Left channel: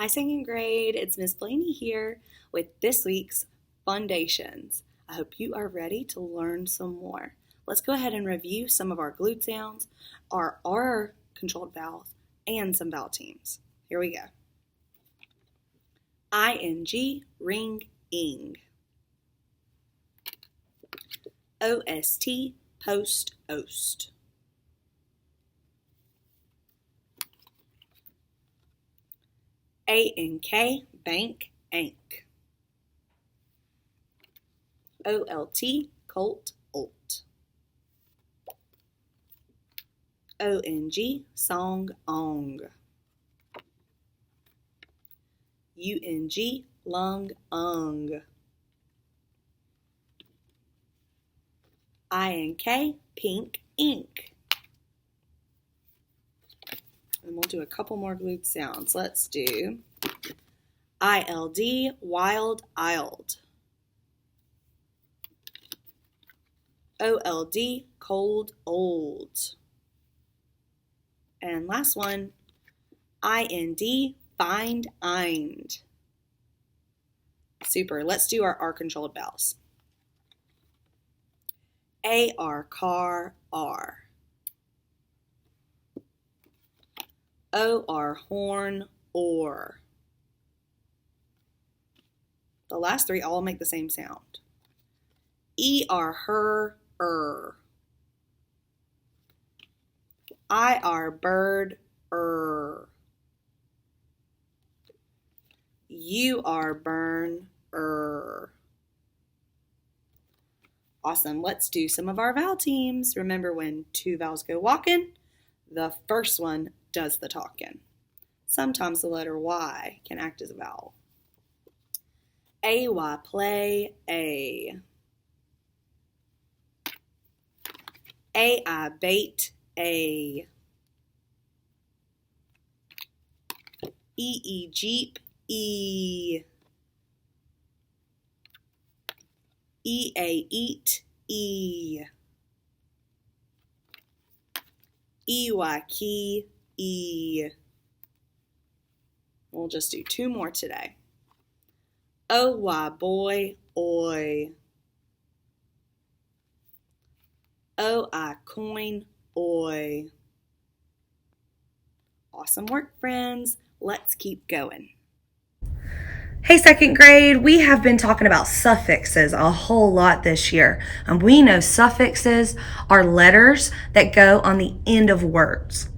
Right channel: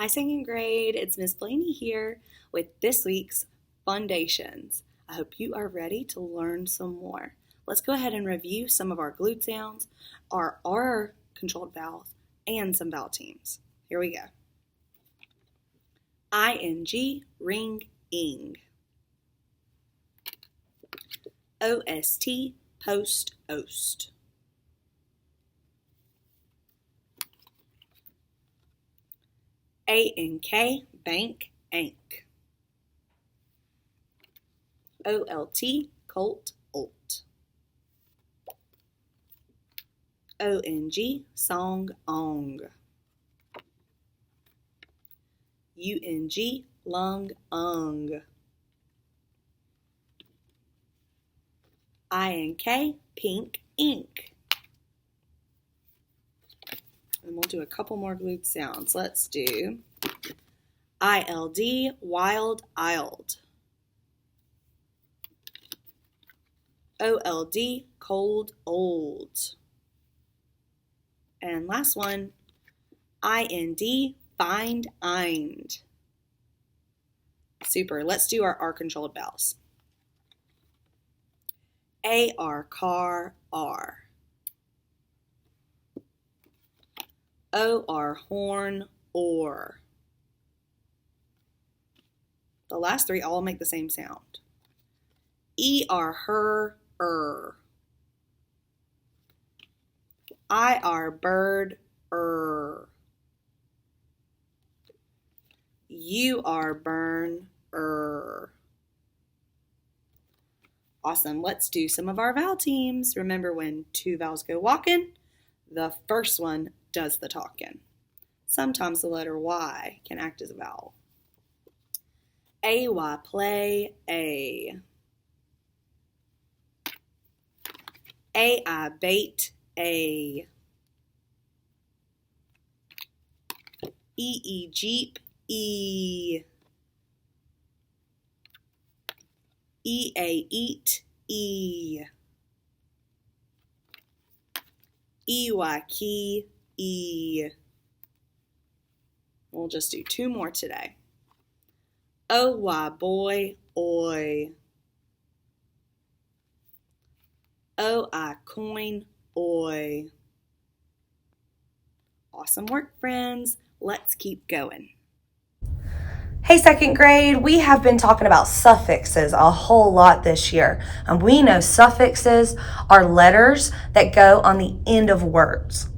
Hi, second grade. It's Miss Blaney here with this week's Fundations. I hope you are ready to learn some more. Let's go ahead and review some of our glute sounds, our R controlled vowels, and some vowel teams. Here we go. ING, ring, ing. OST, post, ost. ANK, bank, ank. OLT, colt, olt. ONG, song, ong. UNG, lung, ung. INK, pink, ink. And we'll do a couple more glute sounds. Let's do ILD, wild, iled. OLD, cold, old. And last one, IND, find, ind. Super. Let's do our R-controlled vowels. AR, car, R. OR, horn, or. The last three all make the same sound. ER, her, IR, bird, UR, burn, Awesome. Let's do some of our vowel teams. Remember, when two vowels go walking, the first one does the talking. Sometimes the letter Y can act as a vowel. AY, play, A. AI, bait, A. EE, jeep, E. EA, eat, E. EY, key, E. We'll just do two more today. OY, boy, oi. OI, coin, oi. Awesome work, friends. Let's keep going. Hey, second grade, we have been talking about suffixes a whole lot this year. And we know suffixes are letters that go on the end of words.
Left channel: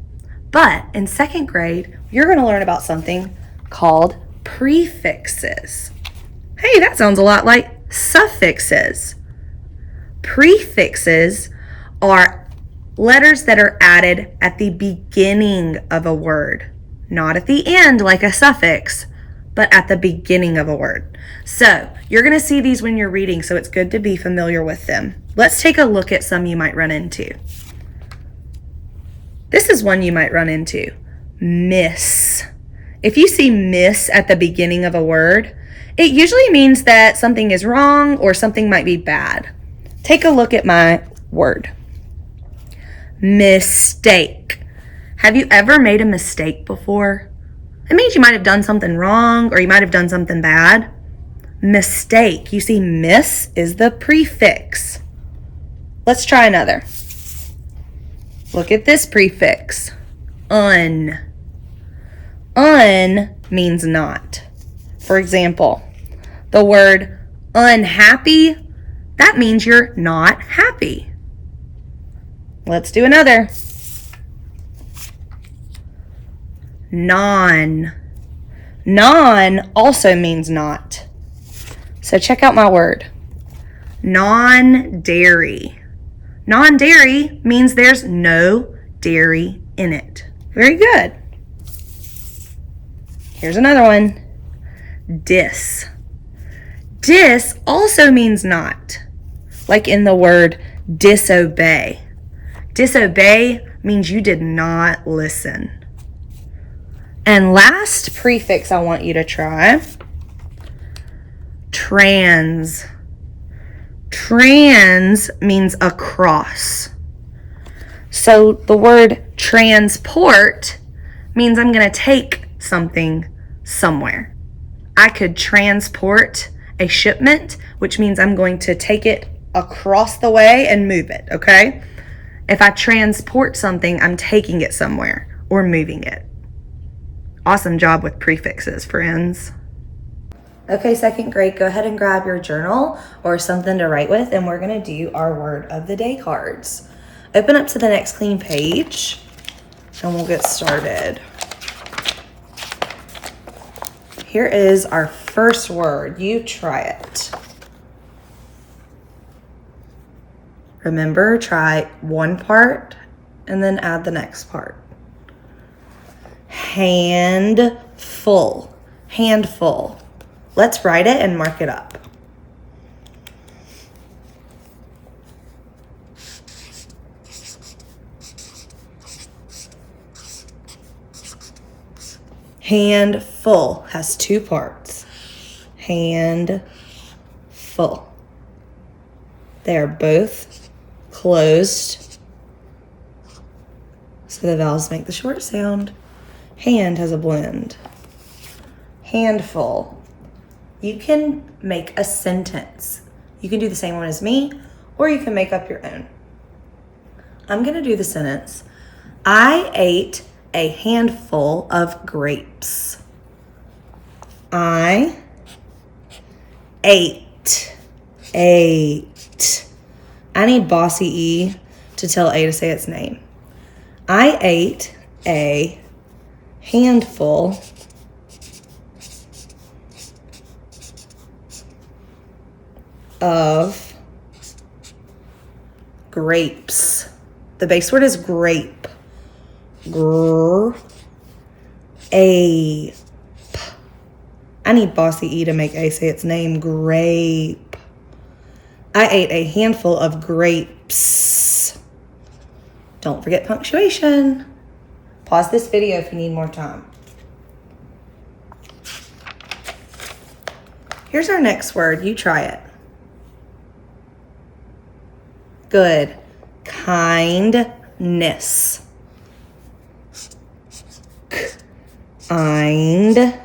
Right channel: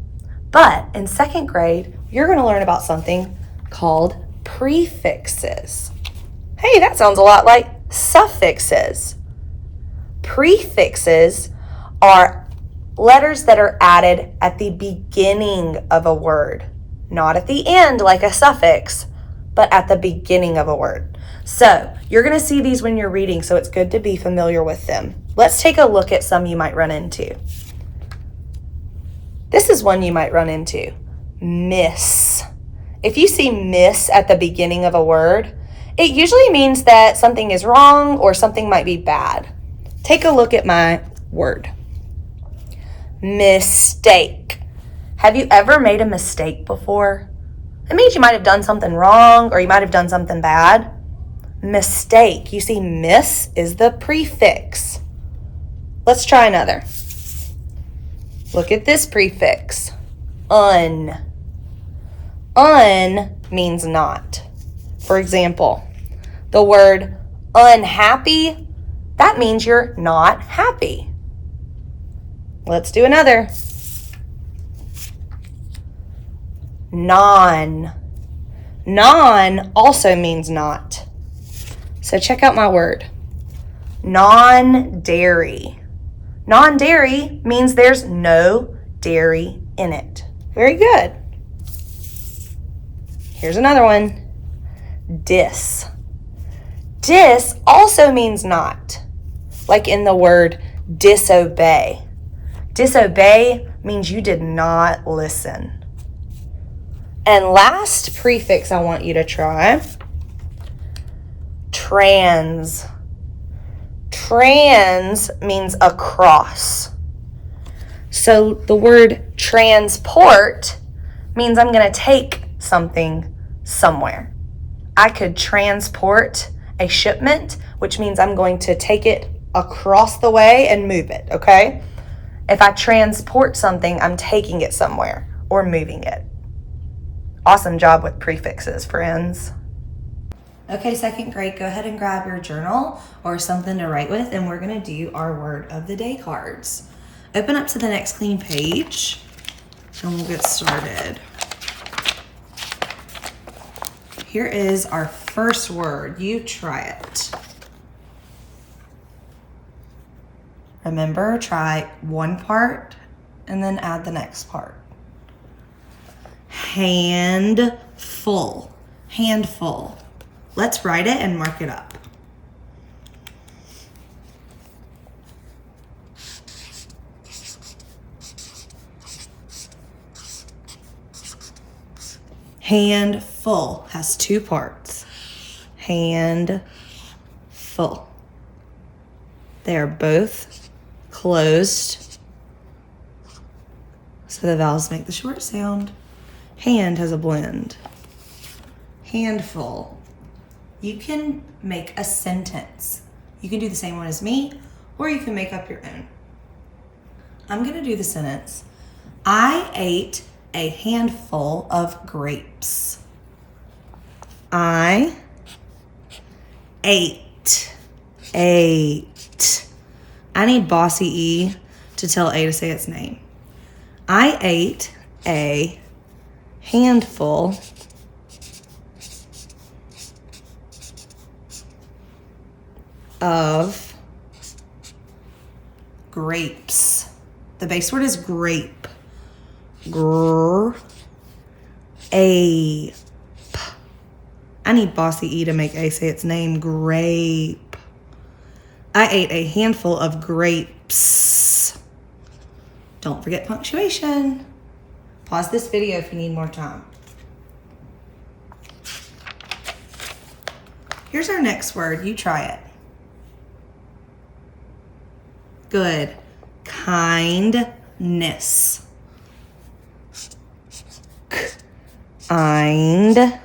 But in second grade, you're going to learn about something called prefixes. Hey, that sounds a lot like suffixes. Prefixes are letters that are added at the beginning of a word, not at the end like a suffix, but at the beginning of a word. So you're going to see these when you're reading, so it's good to be familiar with them. Let's take a look at some you might run into. This is one you might run into, miss. If you see miss at the beginning of a word, it usually means that something is wrong or something might be bad. Take a look at my word. Mistake. Have you ever made a mistake before? It means you might have done something wrong or you might have done something bad. Mistake. You see, miss is the prefix. Let's try another. Look at this prefix. Un. Un means not. For example, the word unhappy, that means you're not happy. Let's do another. Non. Non also means not. So check out my word. Non-dairy. Non-dairy means there's no dairy in it. Very good. Here's another one. Dis. Dis also means not. Like in the word disobey. Disobey means you did not listen. And last prefix I want you to try, trans. Trans means across. So the word transport means I'm going to take something somewhere. I could transport a shipment, which means I'm going to take it across the way and move it, okay? If I transport something, I'm taking it somewhere or moving it. Awesome job with prefixes, friends. Okay, second grade, go ahead and grab your journal or something to write with, and we're going to do our word of the day cards. Open up to the next clean page, and we'll get started. Here is our first word. You try it. Remember, try one part and then add the next part. Handful. Handful. Let's write it and mark it up. Handful has two parts. Handful. They are both closed, so the vowels make the short sound. Hand has a blend. Handful. You can make a sentence. You can do the same one as me, or you can make up your own. I'm going to do the sentence. I ate a handful of grapes. I ate. I need bossy E to tell A to say its name. I ate a handful of grapes. The base word is grape. Ape. I need bossy E to make A say its name. Grape. I ate a handful of grapes. Don't forget punctuation. Pause this video if you need more time. Here's our next word. You try it. Good. Kindness. Kindness.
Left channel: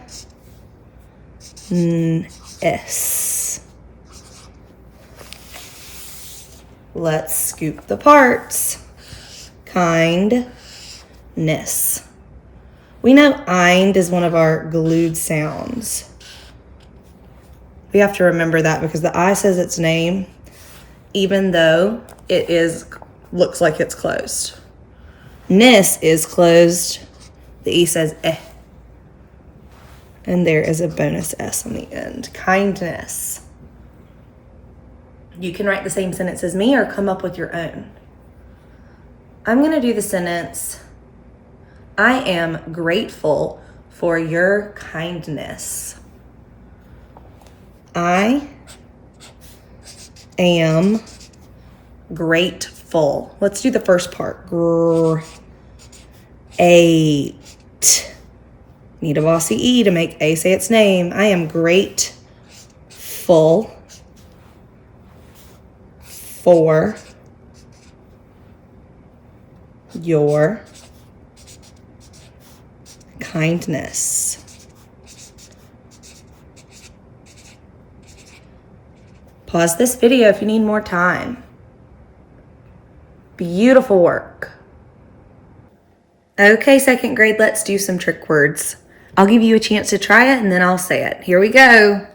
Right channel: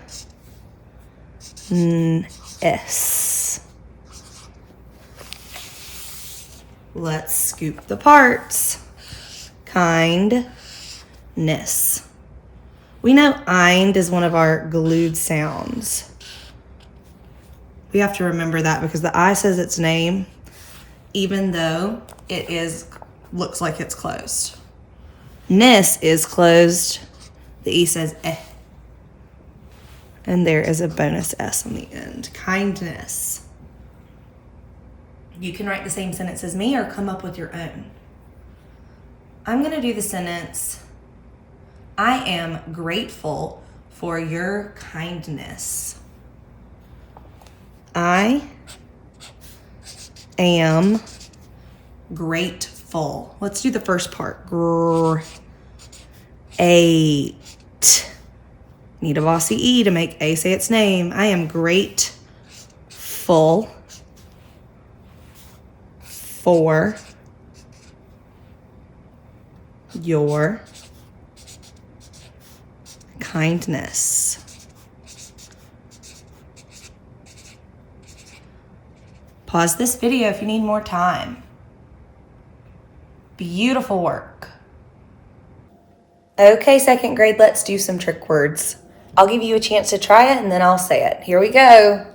Let's scoop the parts. Kindness. We know "ind" is one of our glued sounds. We have to remember that because the I says its name, even though it looks like it's closed. Ness is closed. The E says eh. And there is a bonus S on the end. Kindness. You can write the same sentence as me or come up with your own. I'm going to do the sentence, I am grateful for your kindness. I am grateful. Let's do the first part. Great. Need a bossy E to make A say its name. I am grateful for your kindness. Pause this video if you need more time. Beautiful work. Okay, second grade, let's do some trick words. I'll give you a chance to try it and then I'll say it. Here we go.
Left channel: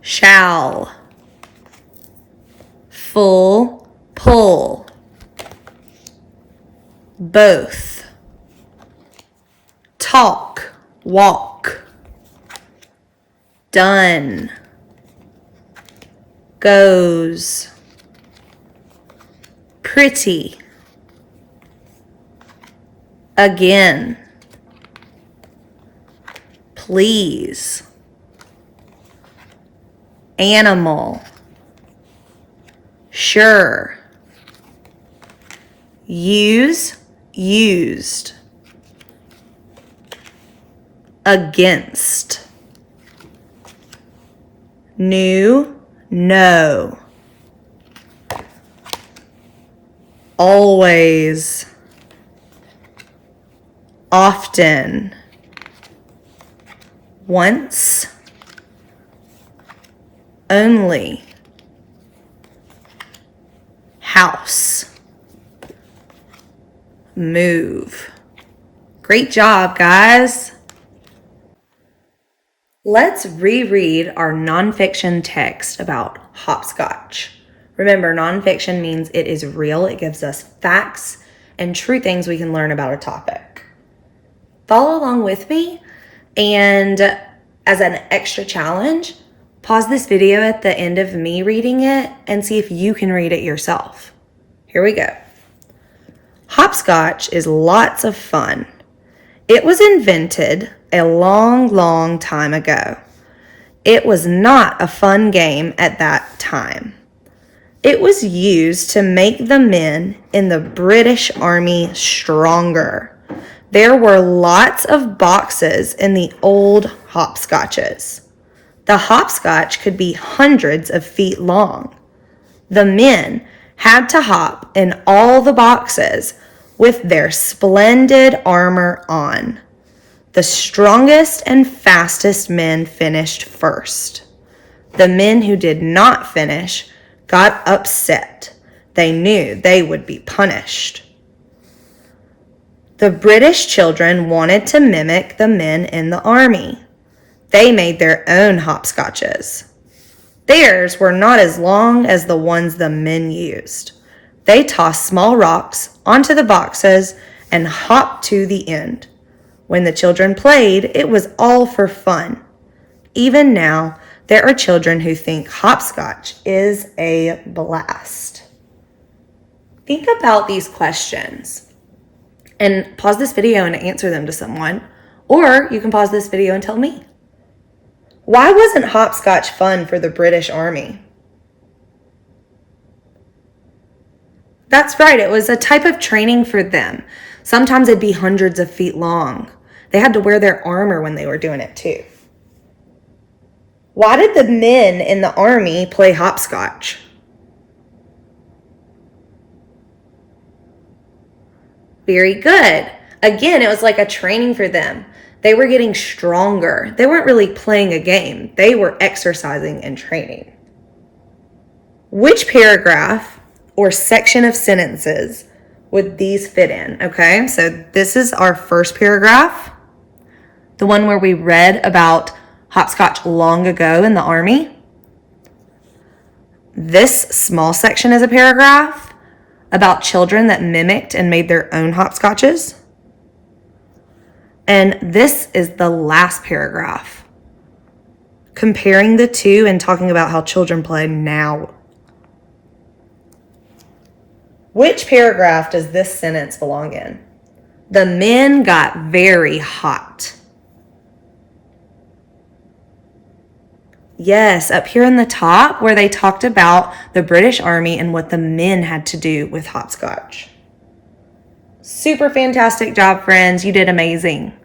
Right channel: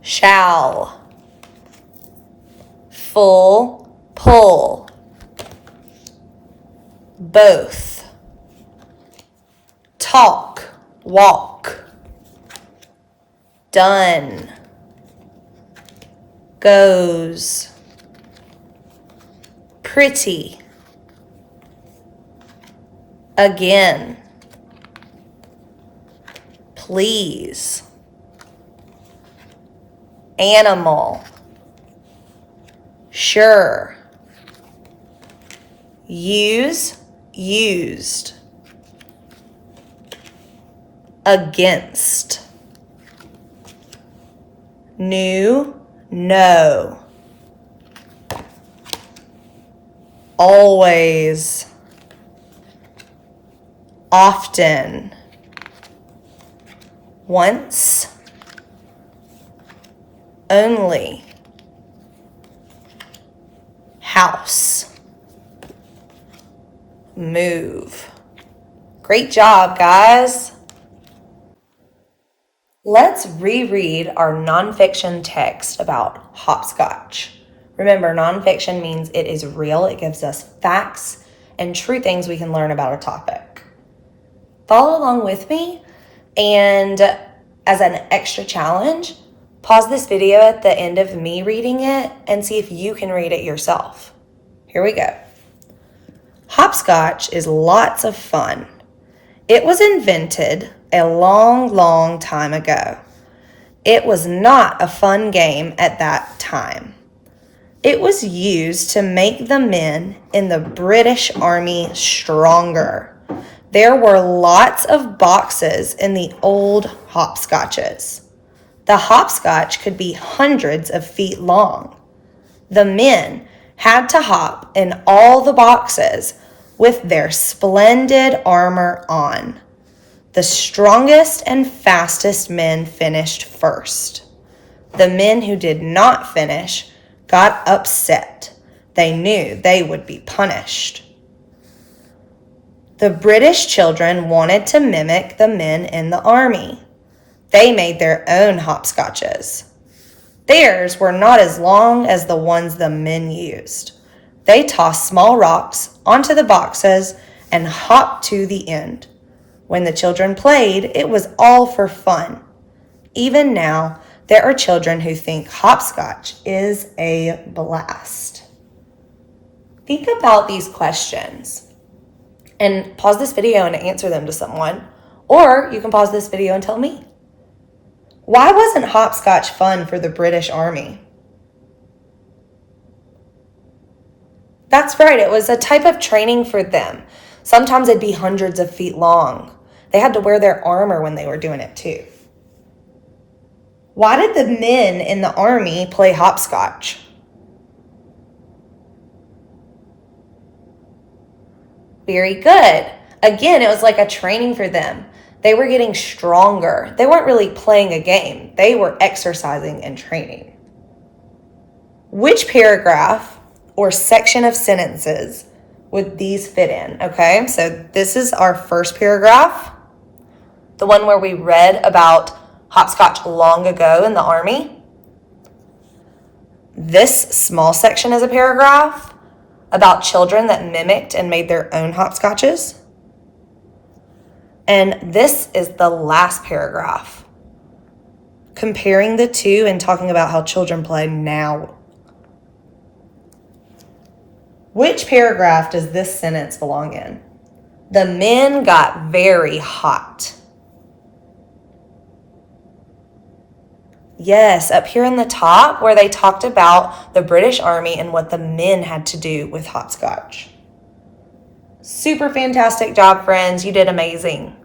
Shall. Full, pull. Both. Talk, walk. Done. Goes. Pretty. Again. Please. Animal. Sure. Use, used. Against. New, no. Always. Often. once, only, house, move. Great job, guys. Let's reread our nonfiction text about hopscotch. Remember, nonfiction means it is real. It gives us facts and true things we can learn about a topic. Follow along with me, and as an extra challenge, pause this video at the end of me reading it and see if you can read it yourself. Here we go. Hopscotch is lots of fun. It was invented a long, long time ago. It was not a fun game at that time. It was used to make the men in the British Army stronger. There were lots of boxes in the old hopscotches. The hopscotch could be hundreds of feet long. The men had to hop in all the boxes with their splendid armor on. The strongest and fastest men finished first. The men who did not finish got upset. They knew they would be punished. The British children wanted to mimic the men in the army. They made their own hopscotches. Theirs were not as long as the ones the men used. They tossed small rocks onto the boxes and hopped to the end. When the children played, it was all for fun. Even now, there are children who think hopscotch is a blast. Think about these questions and pause this video and answer them to someone, or you can pause this video and tell me. Why wasn't hopscotch fun for the British Army? That's right, it was a type of training for them. Sometimes it'd be hundreds of feet long. They had to wear their armor when they were doing it too. Why did the men in the army play hopscotch? Very good. Again, it was like a training for them. They were getting stronger. They weren't really playing a game. They were exercising and training. Which paragraph or section of sentences would these fit in? Okay, so this is our first paragraph, the one where we read about hopscotch long ago in the army. This small section is a paragraph about children that mimicked and made their own hopscotches. And this is the last paragraph, comparing the two and talking about how children play now. Which paragraph does this sentence belong in? The men got very hot. Yes, up here in the top where they talked about the British Army and what the men had to do with hopscotch. Super fantastic job, friends. You did amazing.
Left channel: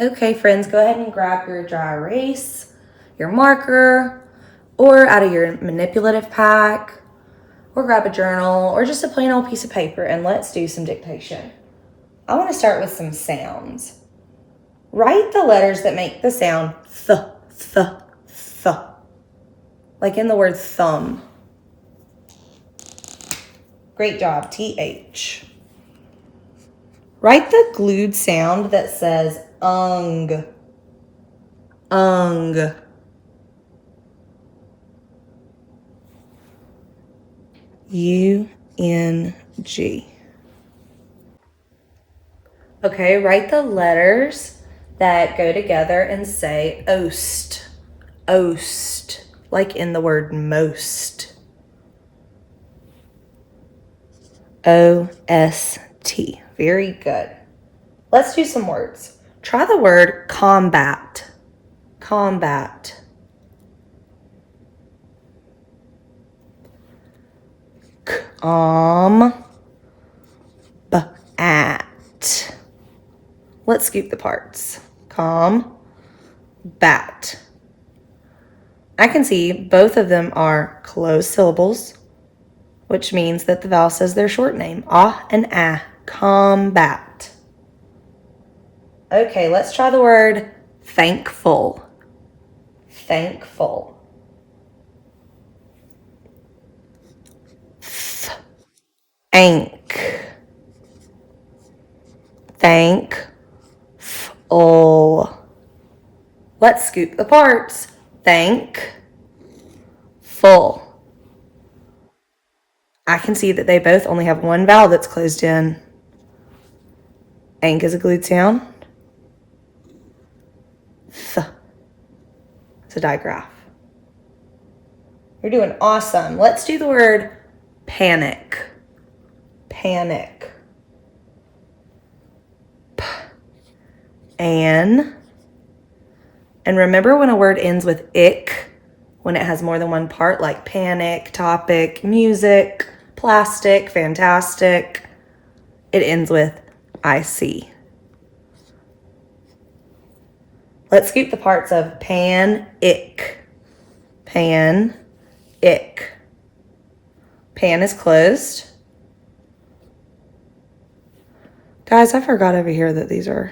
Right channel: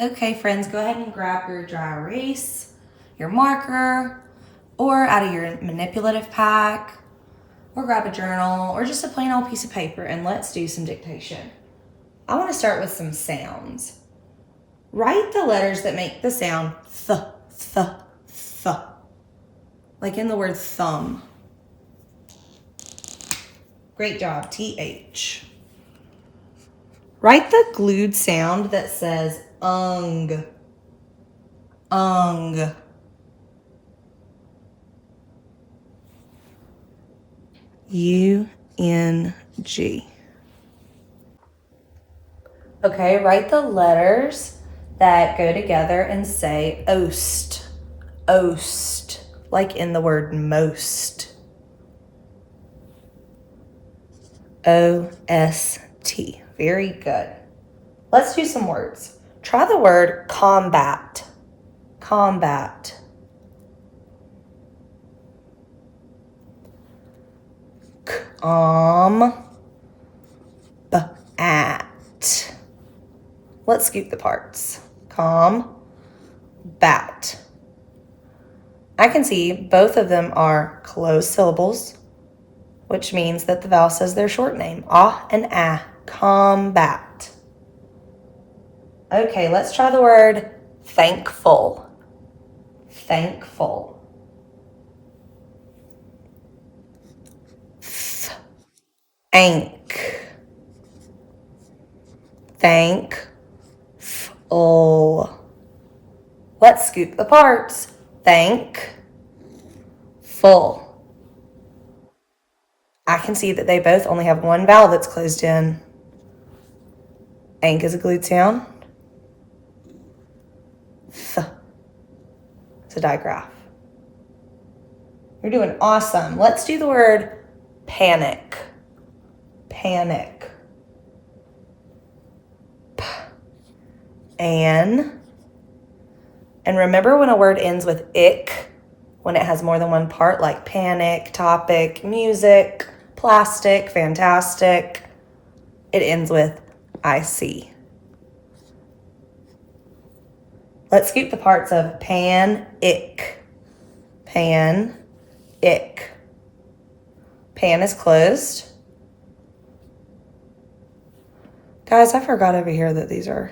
Okay, friends, go ahead and grab your dry erase, your marker, or out of your manipulative pack, or grab a journal, or just a plain old piece of paper, and let's do some dictation. I want to start with some sounds. Write the letters that make the sound th, th, th, like in the word thumb. Great job, TH. Write the glued sound that says ung, ung. U-N-G. Okay, write the letters that go together and say oast, oast, like in the word most. O-S-T. Very good. Let's do some words. Try the word combat. Combat. Bat. Let's scoop the parts. Bat. I can see both of them are closed syllables, which means that the vowel says their short name. Ah and ah. Combat. Okay, let's try the word Thankful. Thankful. Thank. Thankful. Let's scoop the parts. Thank. Full. I can see that they both only have one vowel that's closed in. Ank is a glued sound. Th. It's a digraph. You're doing awesome. Let's do the word panic. Panic. P. An. And remember when a word ends with ick, when it has more than one part, like panic, topic, music, plastic, fantastic, it ends with IC. Let's scoop the parts of pan, ick. Pan, ick. Pan is closed. Guys, I forgot over here that these are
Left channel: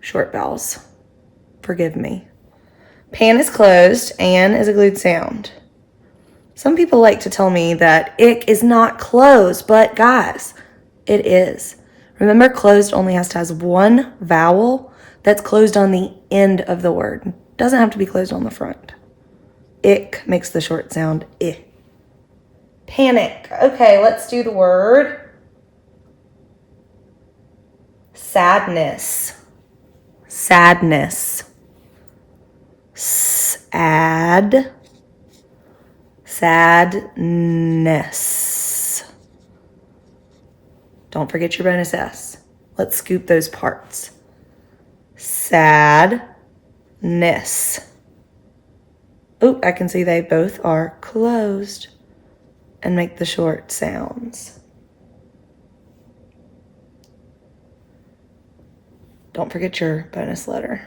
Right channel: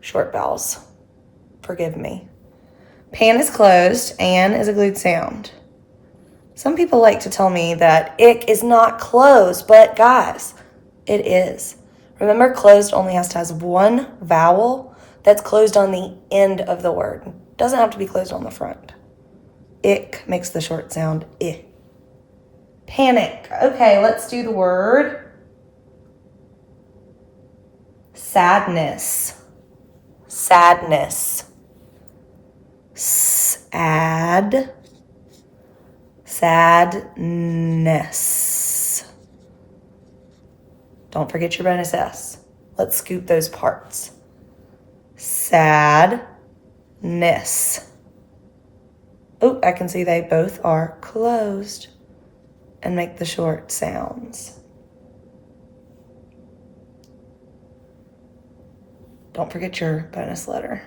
short vowels. Forgive me. Pan is closed, an is a glued sound. Some people like to tell me that ick is not closed, but guys, it is. Remember, closed only has to have one vowel that's closed on the end of the word. It doesn't have to be closed on the front. Ick makes the short sound I. Panic. Okay, let's do the word sadness. Sadness. Sad. Sadness. Don't forget your bonus S. Let's scoop those parts. Sadness. Oh, I can see they both are closed and make the short sounds. Don't forget your bonus letter.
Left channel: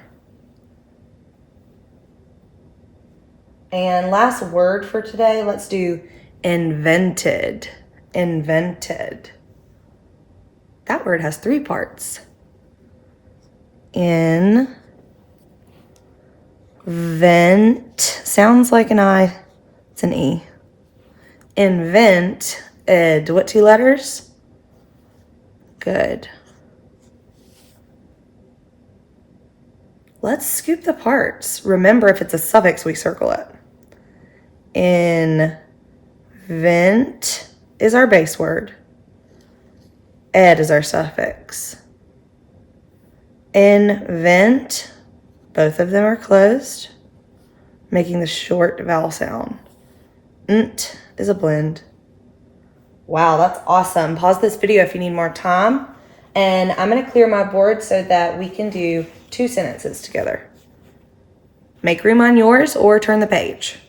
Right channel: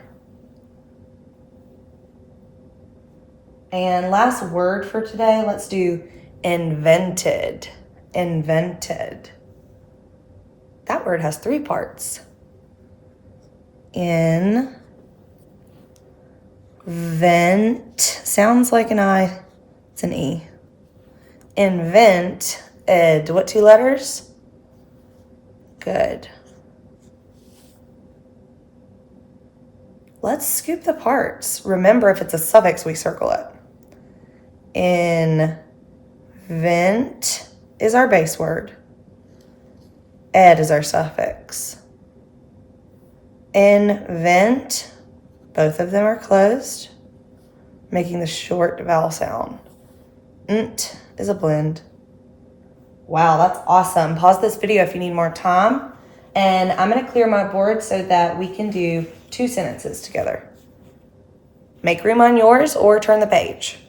And last word for today, let's do invented. Invented. That word has three parts. Invent. Sounds like an I. It's an E. Invent. Ed. What two letters? Good. Let's scoop the parts. Remember, if it's a suffix, we circle it. Invent is our base word. Ed is our suffix. Invent, both of them are closed, making the short vowel sound. Nt is a blend. Wow, that's awesome. Pause this video if you need more time. And I'm going to clear my board so that we can do 2 sentences together. Make room on yours or turn the page.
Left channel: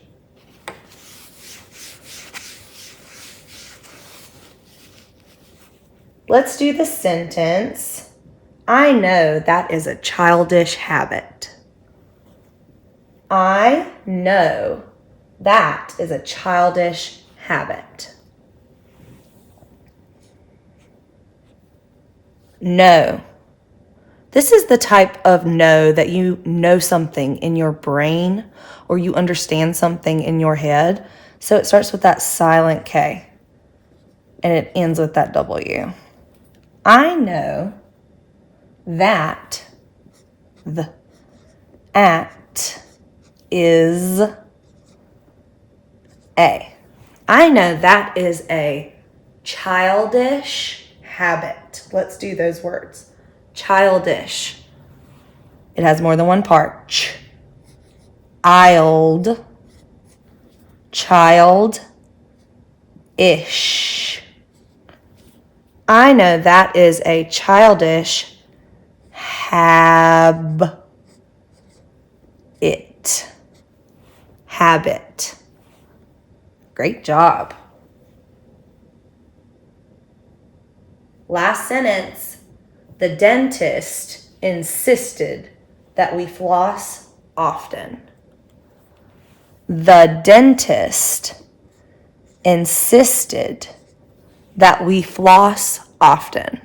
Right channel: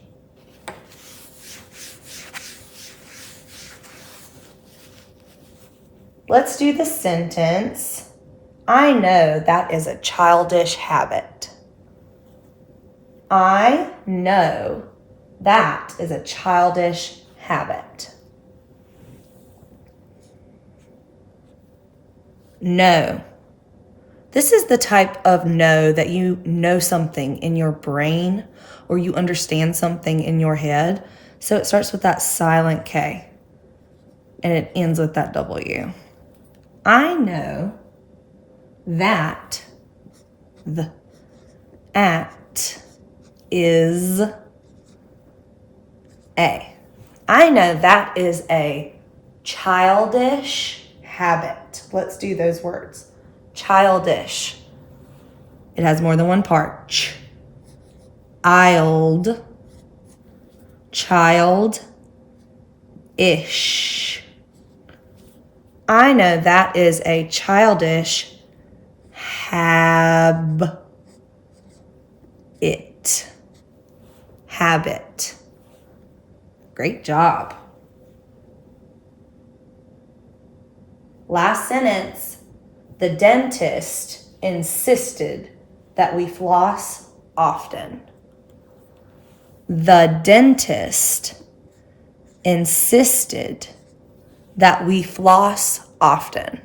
Let's do the sentence. I know that is a childish habit. I know that is a childish habit. No. This is the type of know that you know something in your brain or you understand something in your head. So it starts with that silent K and it ends with that W. I know that the at is a. I know that is a childish habit. Let's do those words. Childish. It has more than one part. Child. Child-ish. I know that is a childish habit. Habit. Great job. Last sentence. The dentist insisted that we floss often. The dentist insisted that we floss often.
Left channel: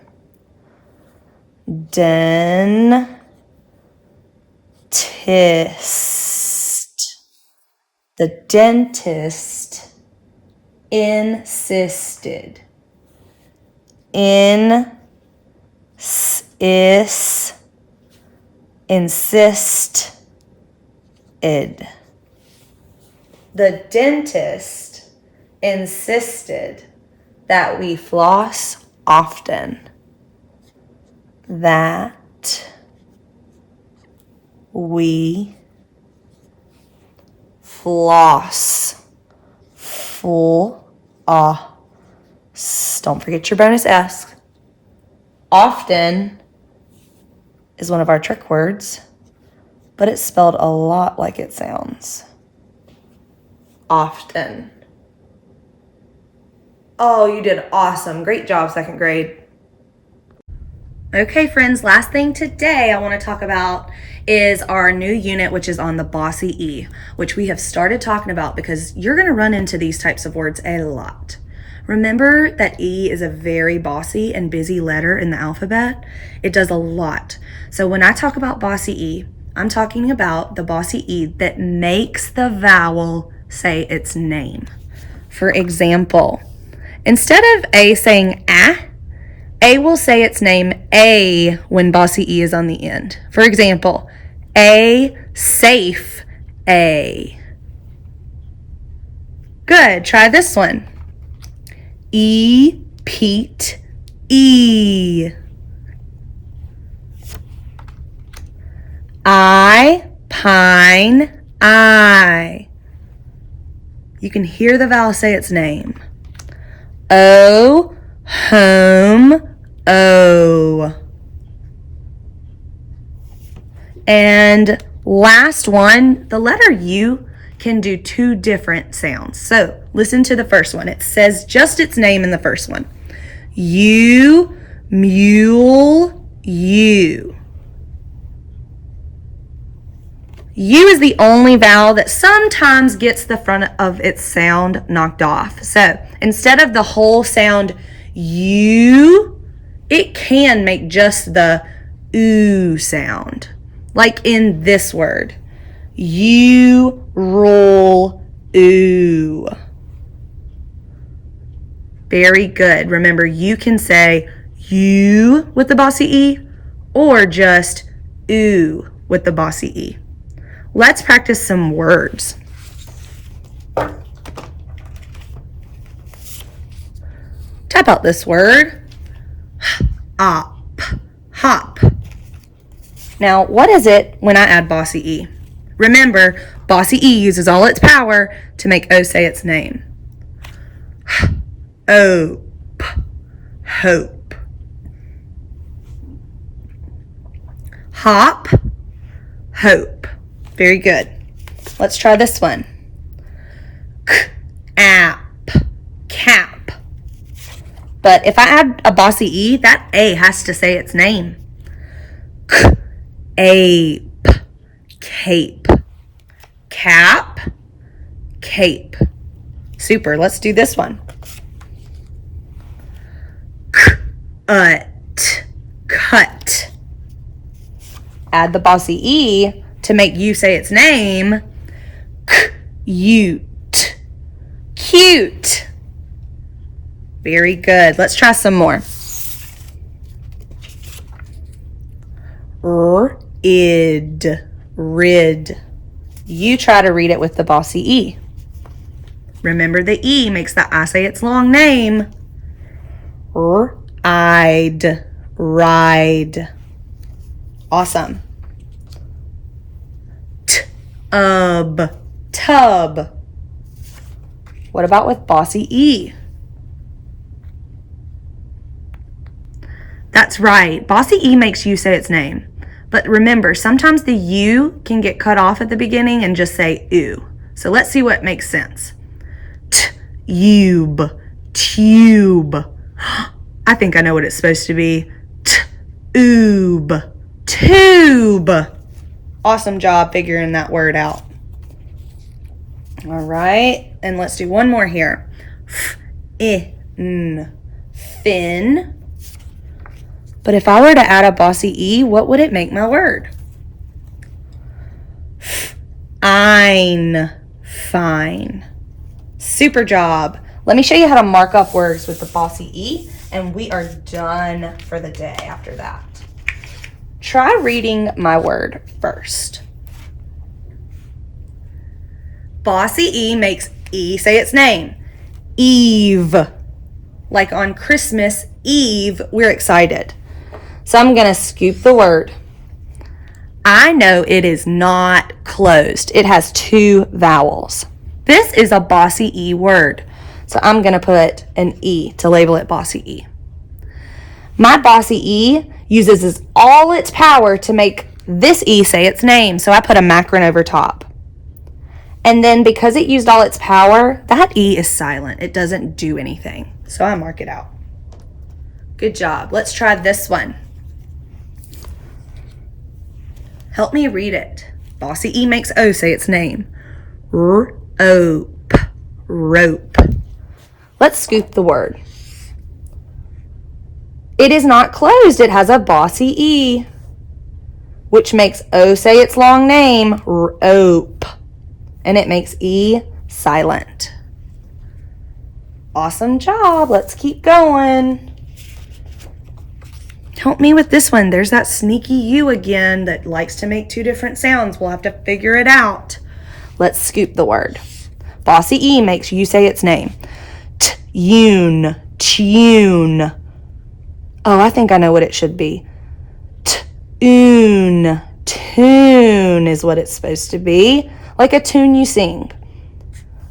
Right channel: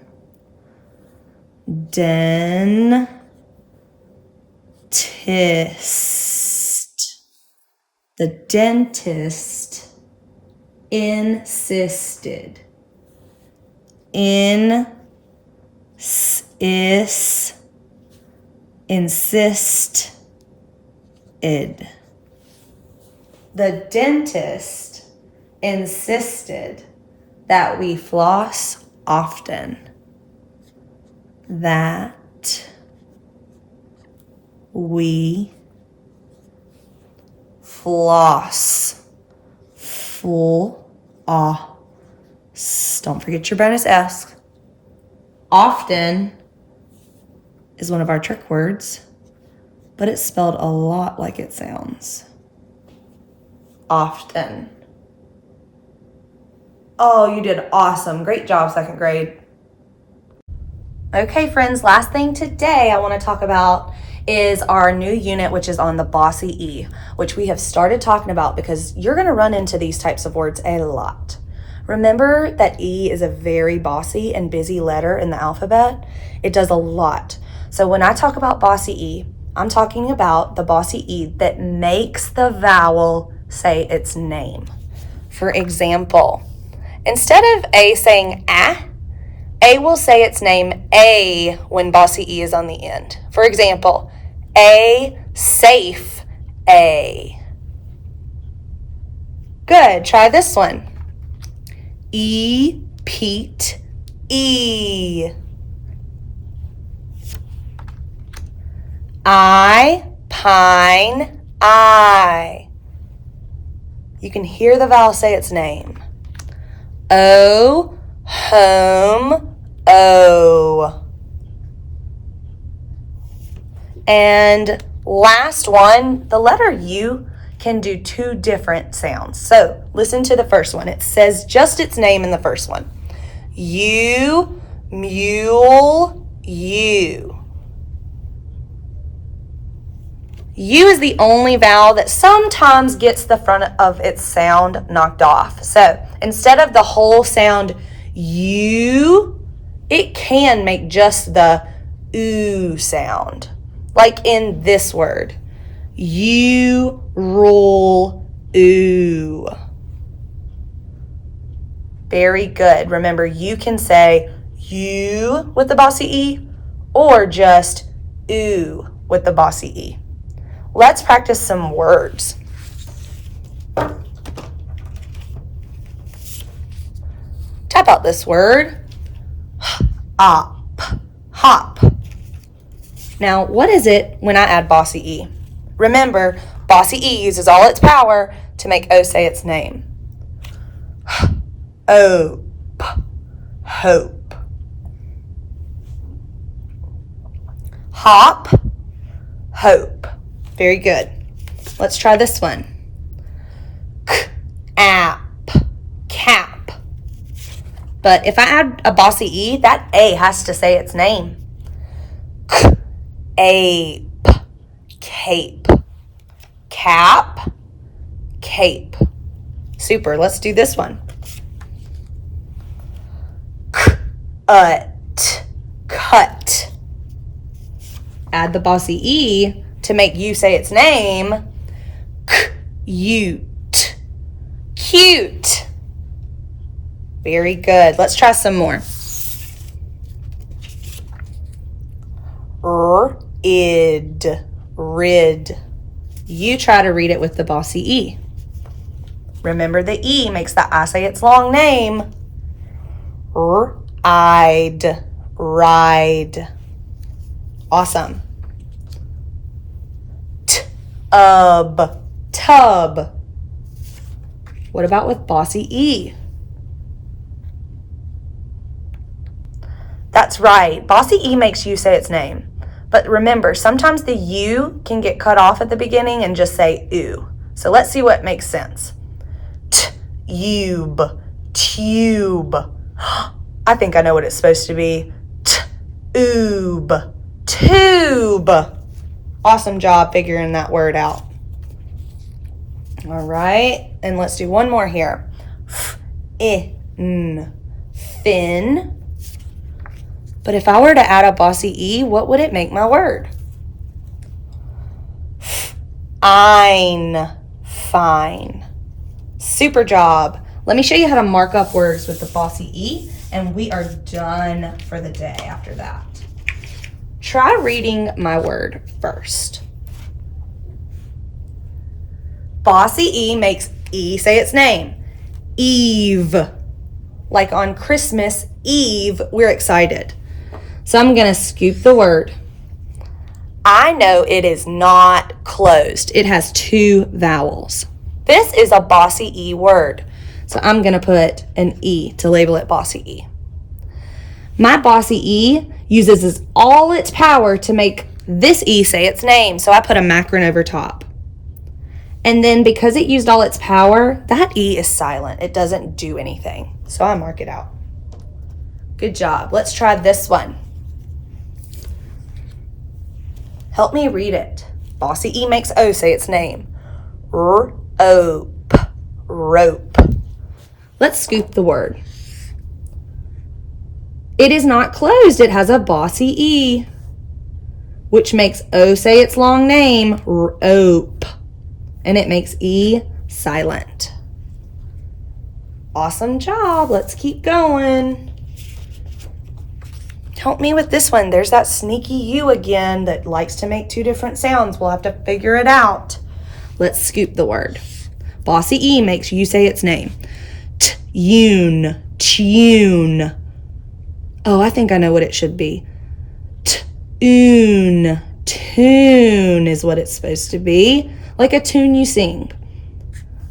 The dentist insisted. Insisted. The dentist insisted that we floss often. That we floss. Don't forget your bonus S. Often is one of our trick words, but it's spelled a lot like it sounds. Often. Oh, you did awesome. Great job, second grade. Okay, friends, last thing today I want to talk about is our new unit, which is on the bossy E, which we have started talking about because you're going to run into these types of words a lot. Remember that E is a very bossy and busy letter in the alphabet. It does a lot. So when I talk about bossy E, I'm talking about the bossy E that makes the vowel say its name. For example, instead of A saying A will say its name A when bossy E is on the end. For example, A safe A. Good, try this one. E Pete E. I pine I. You can hear the vowel say its name. O home O. And last one, the letter U can do two different sounds. So listen to the first one. It says just its name in the first one. U, mule, U. U is the only vowel that sometimes gets the front of its sound knocked off. So instead of the whole sound U, it can make just the oo sound. Like in this word, you roll oo. Very good. Remember, you can say you with the bossy E or just oo with the bossy E. Let's practice some words. Type out this word. Hop. Hop. Now, what is it when I add bossy E? Remember, bossy E uses all its power to make O say its name. Hope. Hope. Hop. Hope. Very good. Let's try this one. App. Cap. But if I add a bossy E, that A has to say its name. Ape. Cape. Cap. Cape. Super. Let's do this one. Cut. Add the bossy E to make you say its name. Cute. Cute. Very good. Let's try some more. Rid. You try to read it with the bossy E. Remember, the E makes the I say its long name. Ride. Awesome. Tub. What about with bossy E? That's right. Bossy E makes you say its name. But remember, sometimes the U can get cut off at the beginning and just say oo. So let's see what makes sense. Tube. I think I know what it's supposed to be. Tube. Awesome job figuring that word out. All right, and let's do one more here. Fin. But if I were to add a bossy E, what would it make my word? Ein. Fine. Super job. Let me show you how to mark up words with the bossy E, and we are done for the day after that. Try reading my word first. Bossy E makes E say its name. Eve. Like on Christmas Eve, we're excited. So I'm going to scoop the word. I know it is not closed. It has 2 vowels. This is a bossy E word. So I'm going to put an E to label it bossy E. My bossy E uses all its power to make this E say its name. So I put a macron over top. And then because it used all its power, that E is silent. It doesn't do anything. So I mark it out. Good job. Let's try this one. Help me read it. Bossy E makes O say its name. Rope. Rope. Let's scoop the word. It is not closed. It has a bossy E, which makes O say its long name. Rope. And it makes E silent. Awesome job. Let's keep going. Help me with this one. There's that sneaky U again that likes to make 2 different sounds. We'll have to figure it out. Let's scoop the word. Bossy E makes you say its name. Tune. Tune. Oh, I think I know what it should be. Tune. Tune is what it's supposed to be. Like a tune you sing.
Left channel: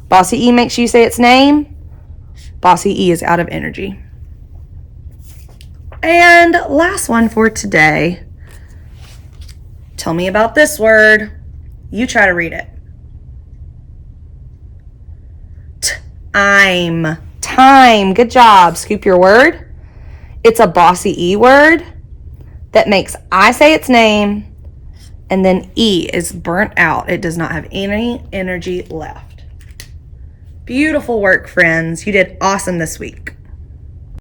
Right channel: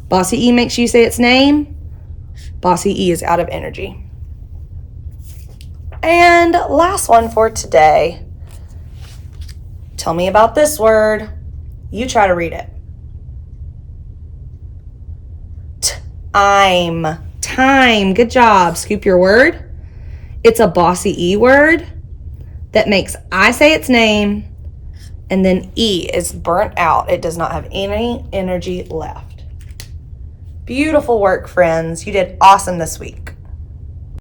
Bossy E makes you say its name. Bossy E is out of energy. And last one for today. Tell me about this word. You try to read it. Time. Time. Good job. Scoop your word. It's a bossy E word that makes I say its name, and then E is burnt out. It does not have any energy left. Beautiful work, friends. You did awesome this week.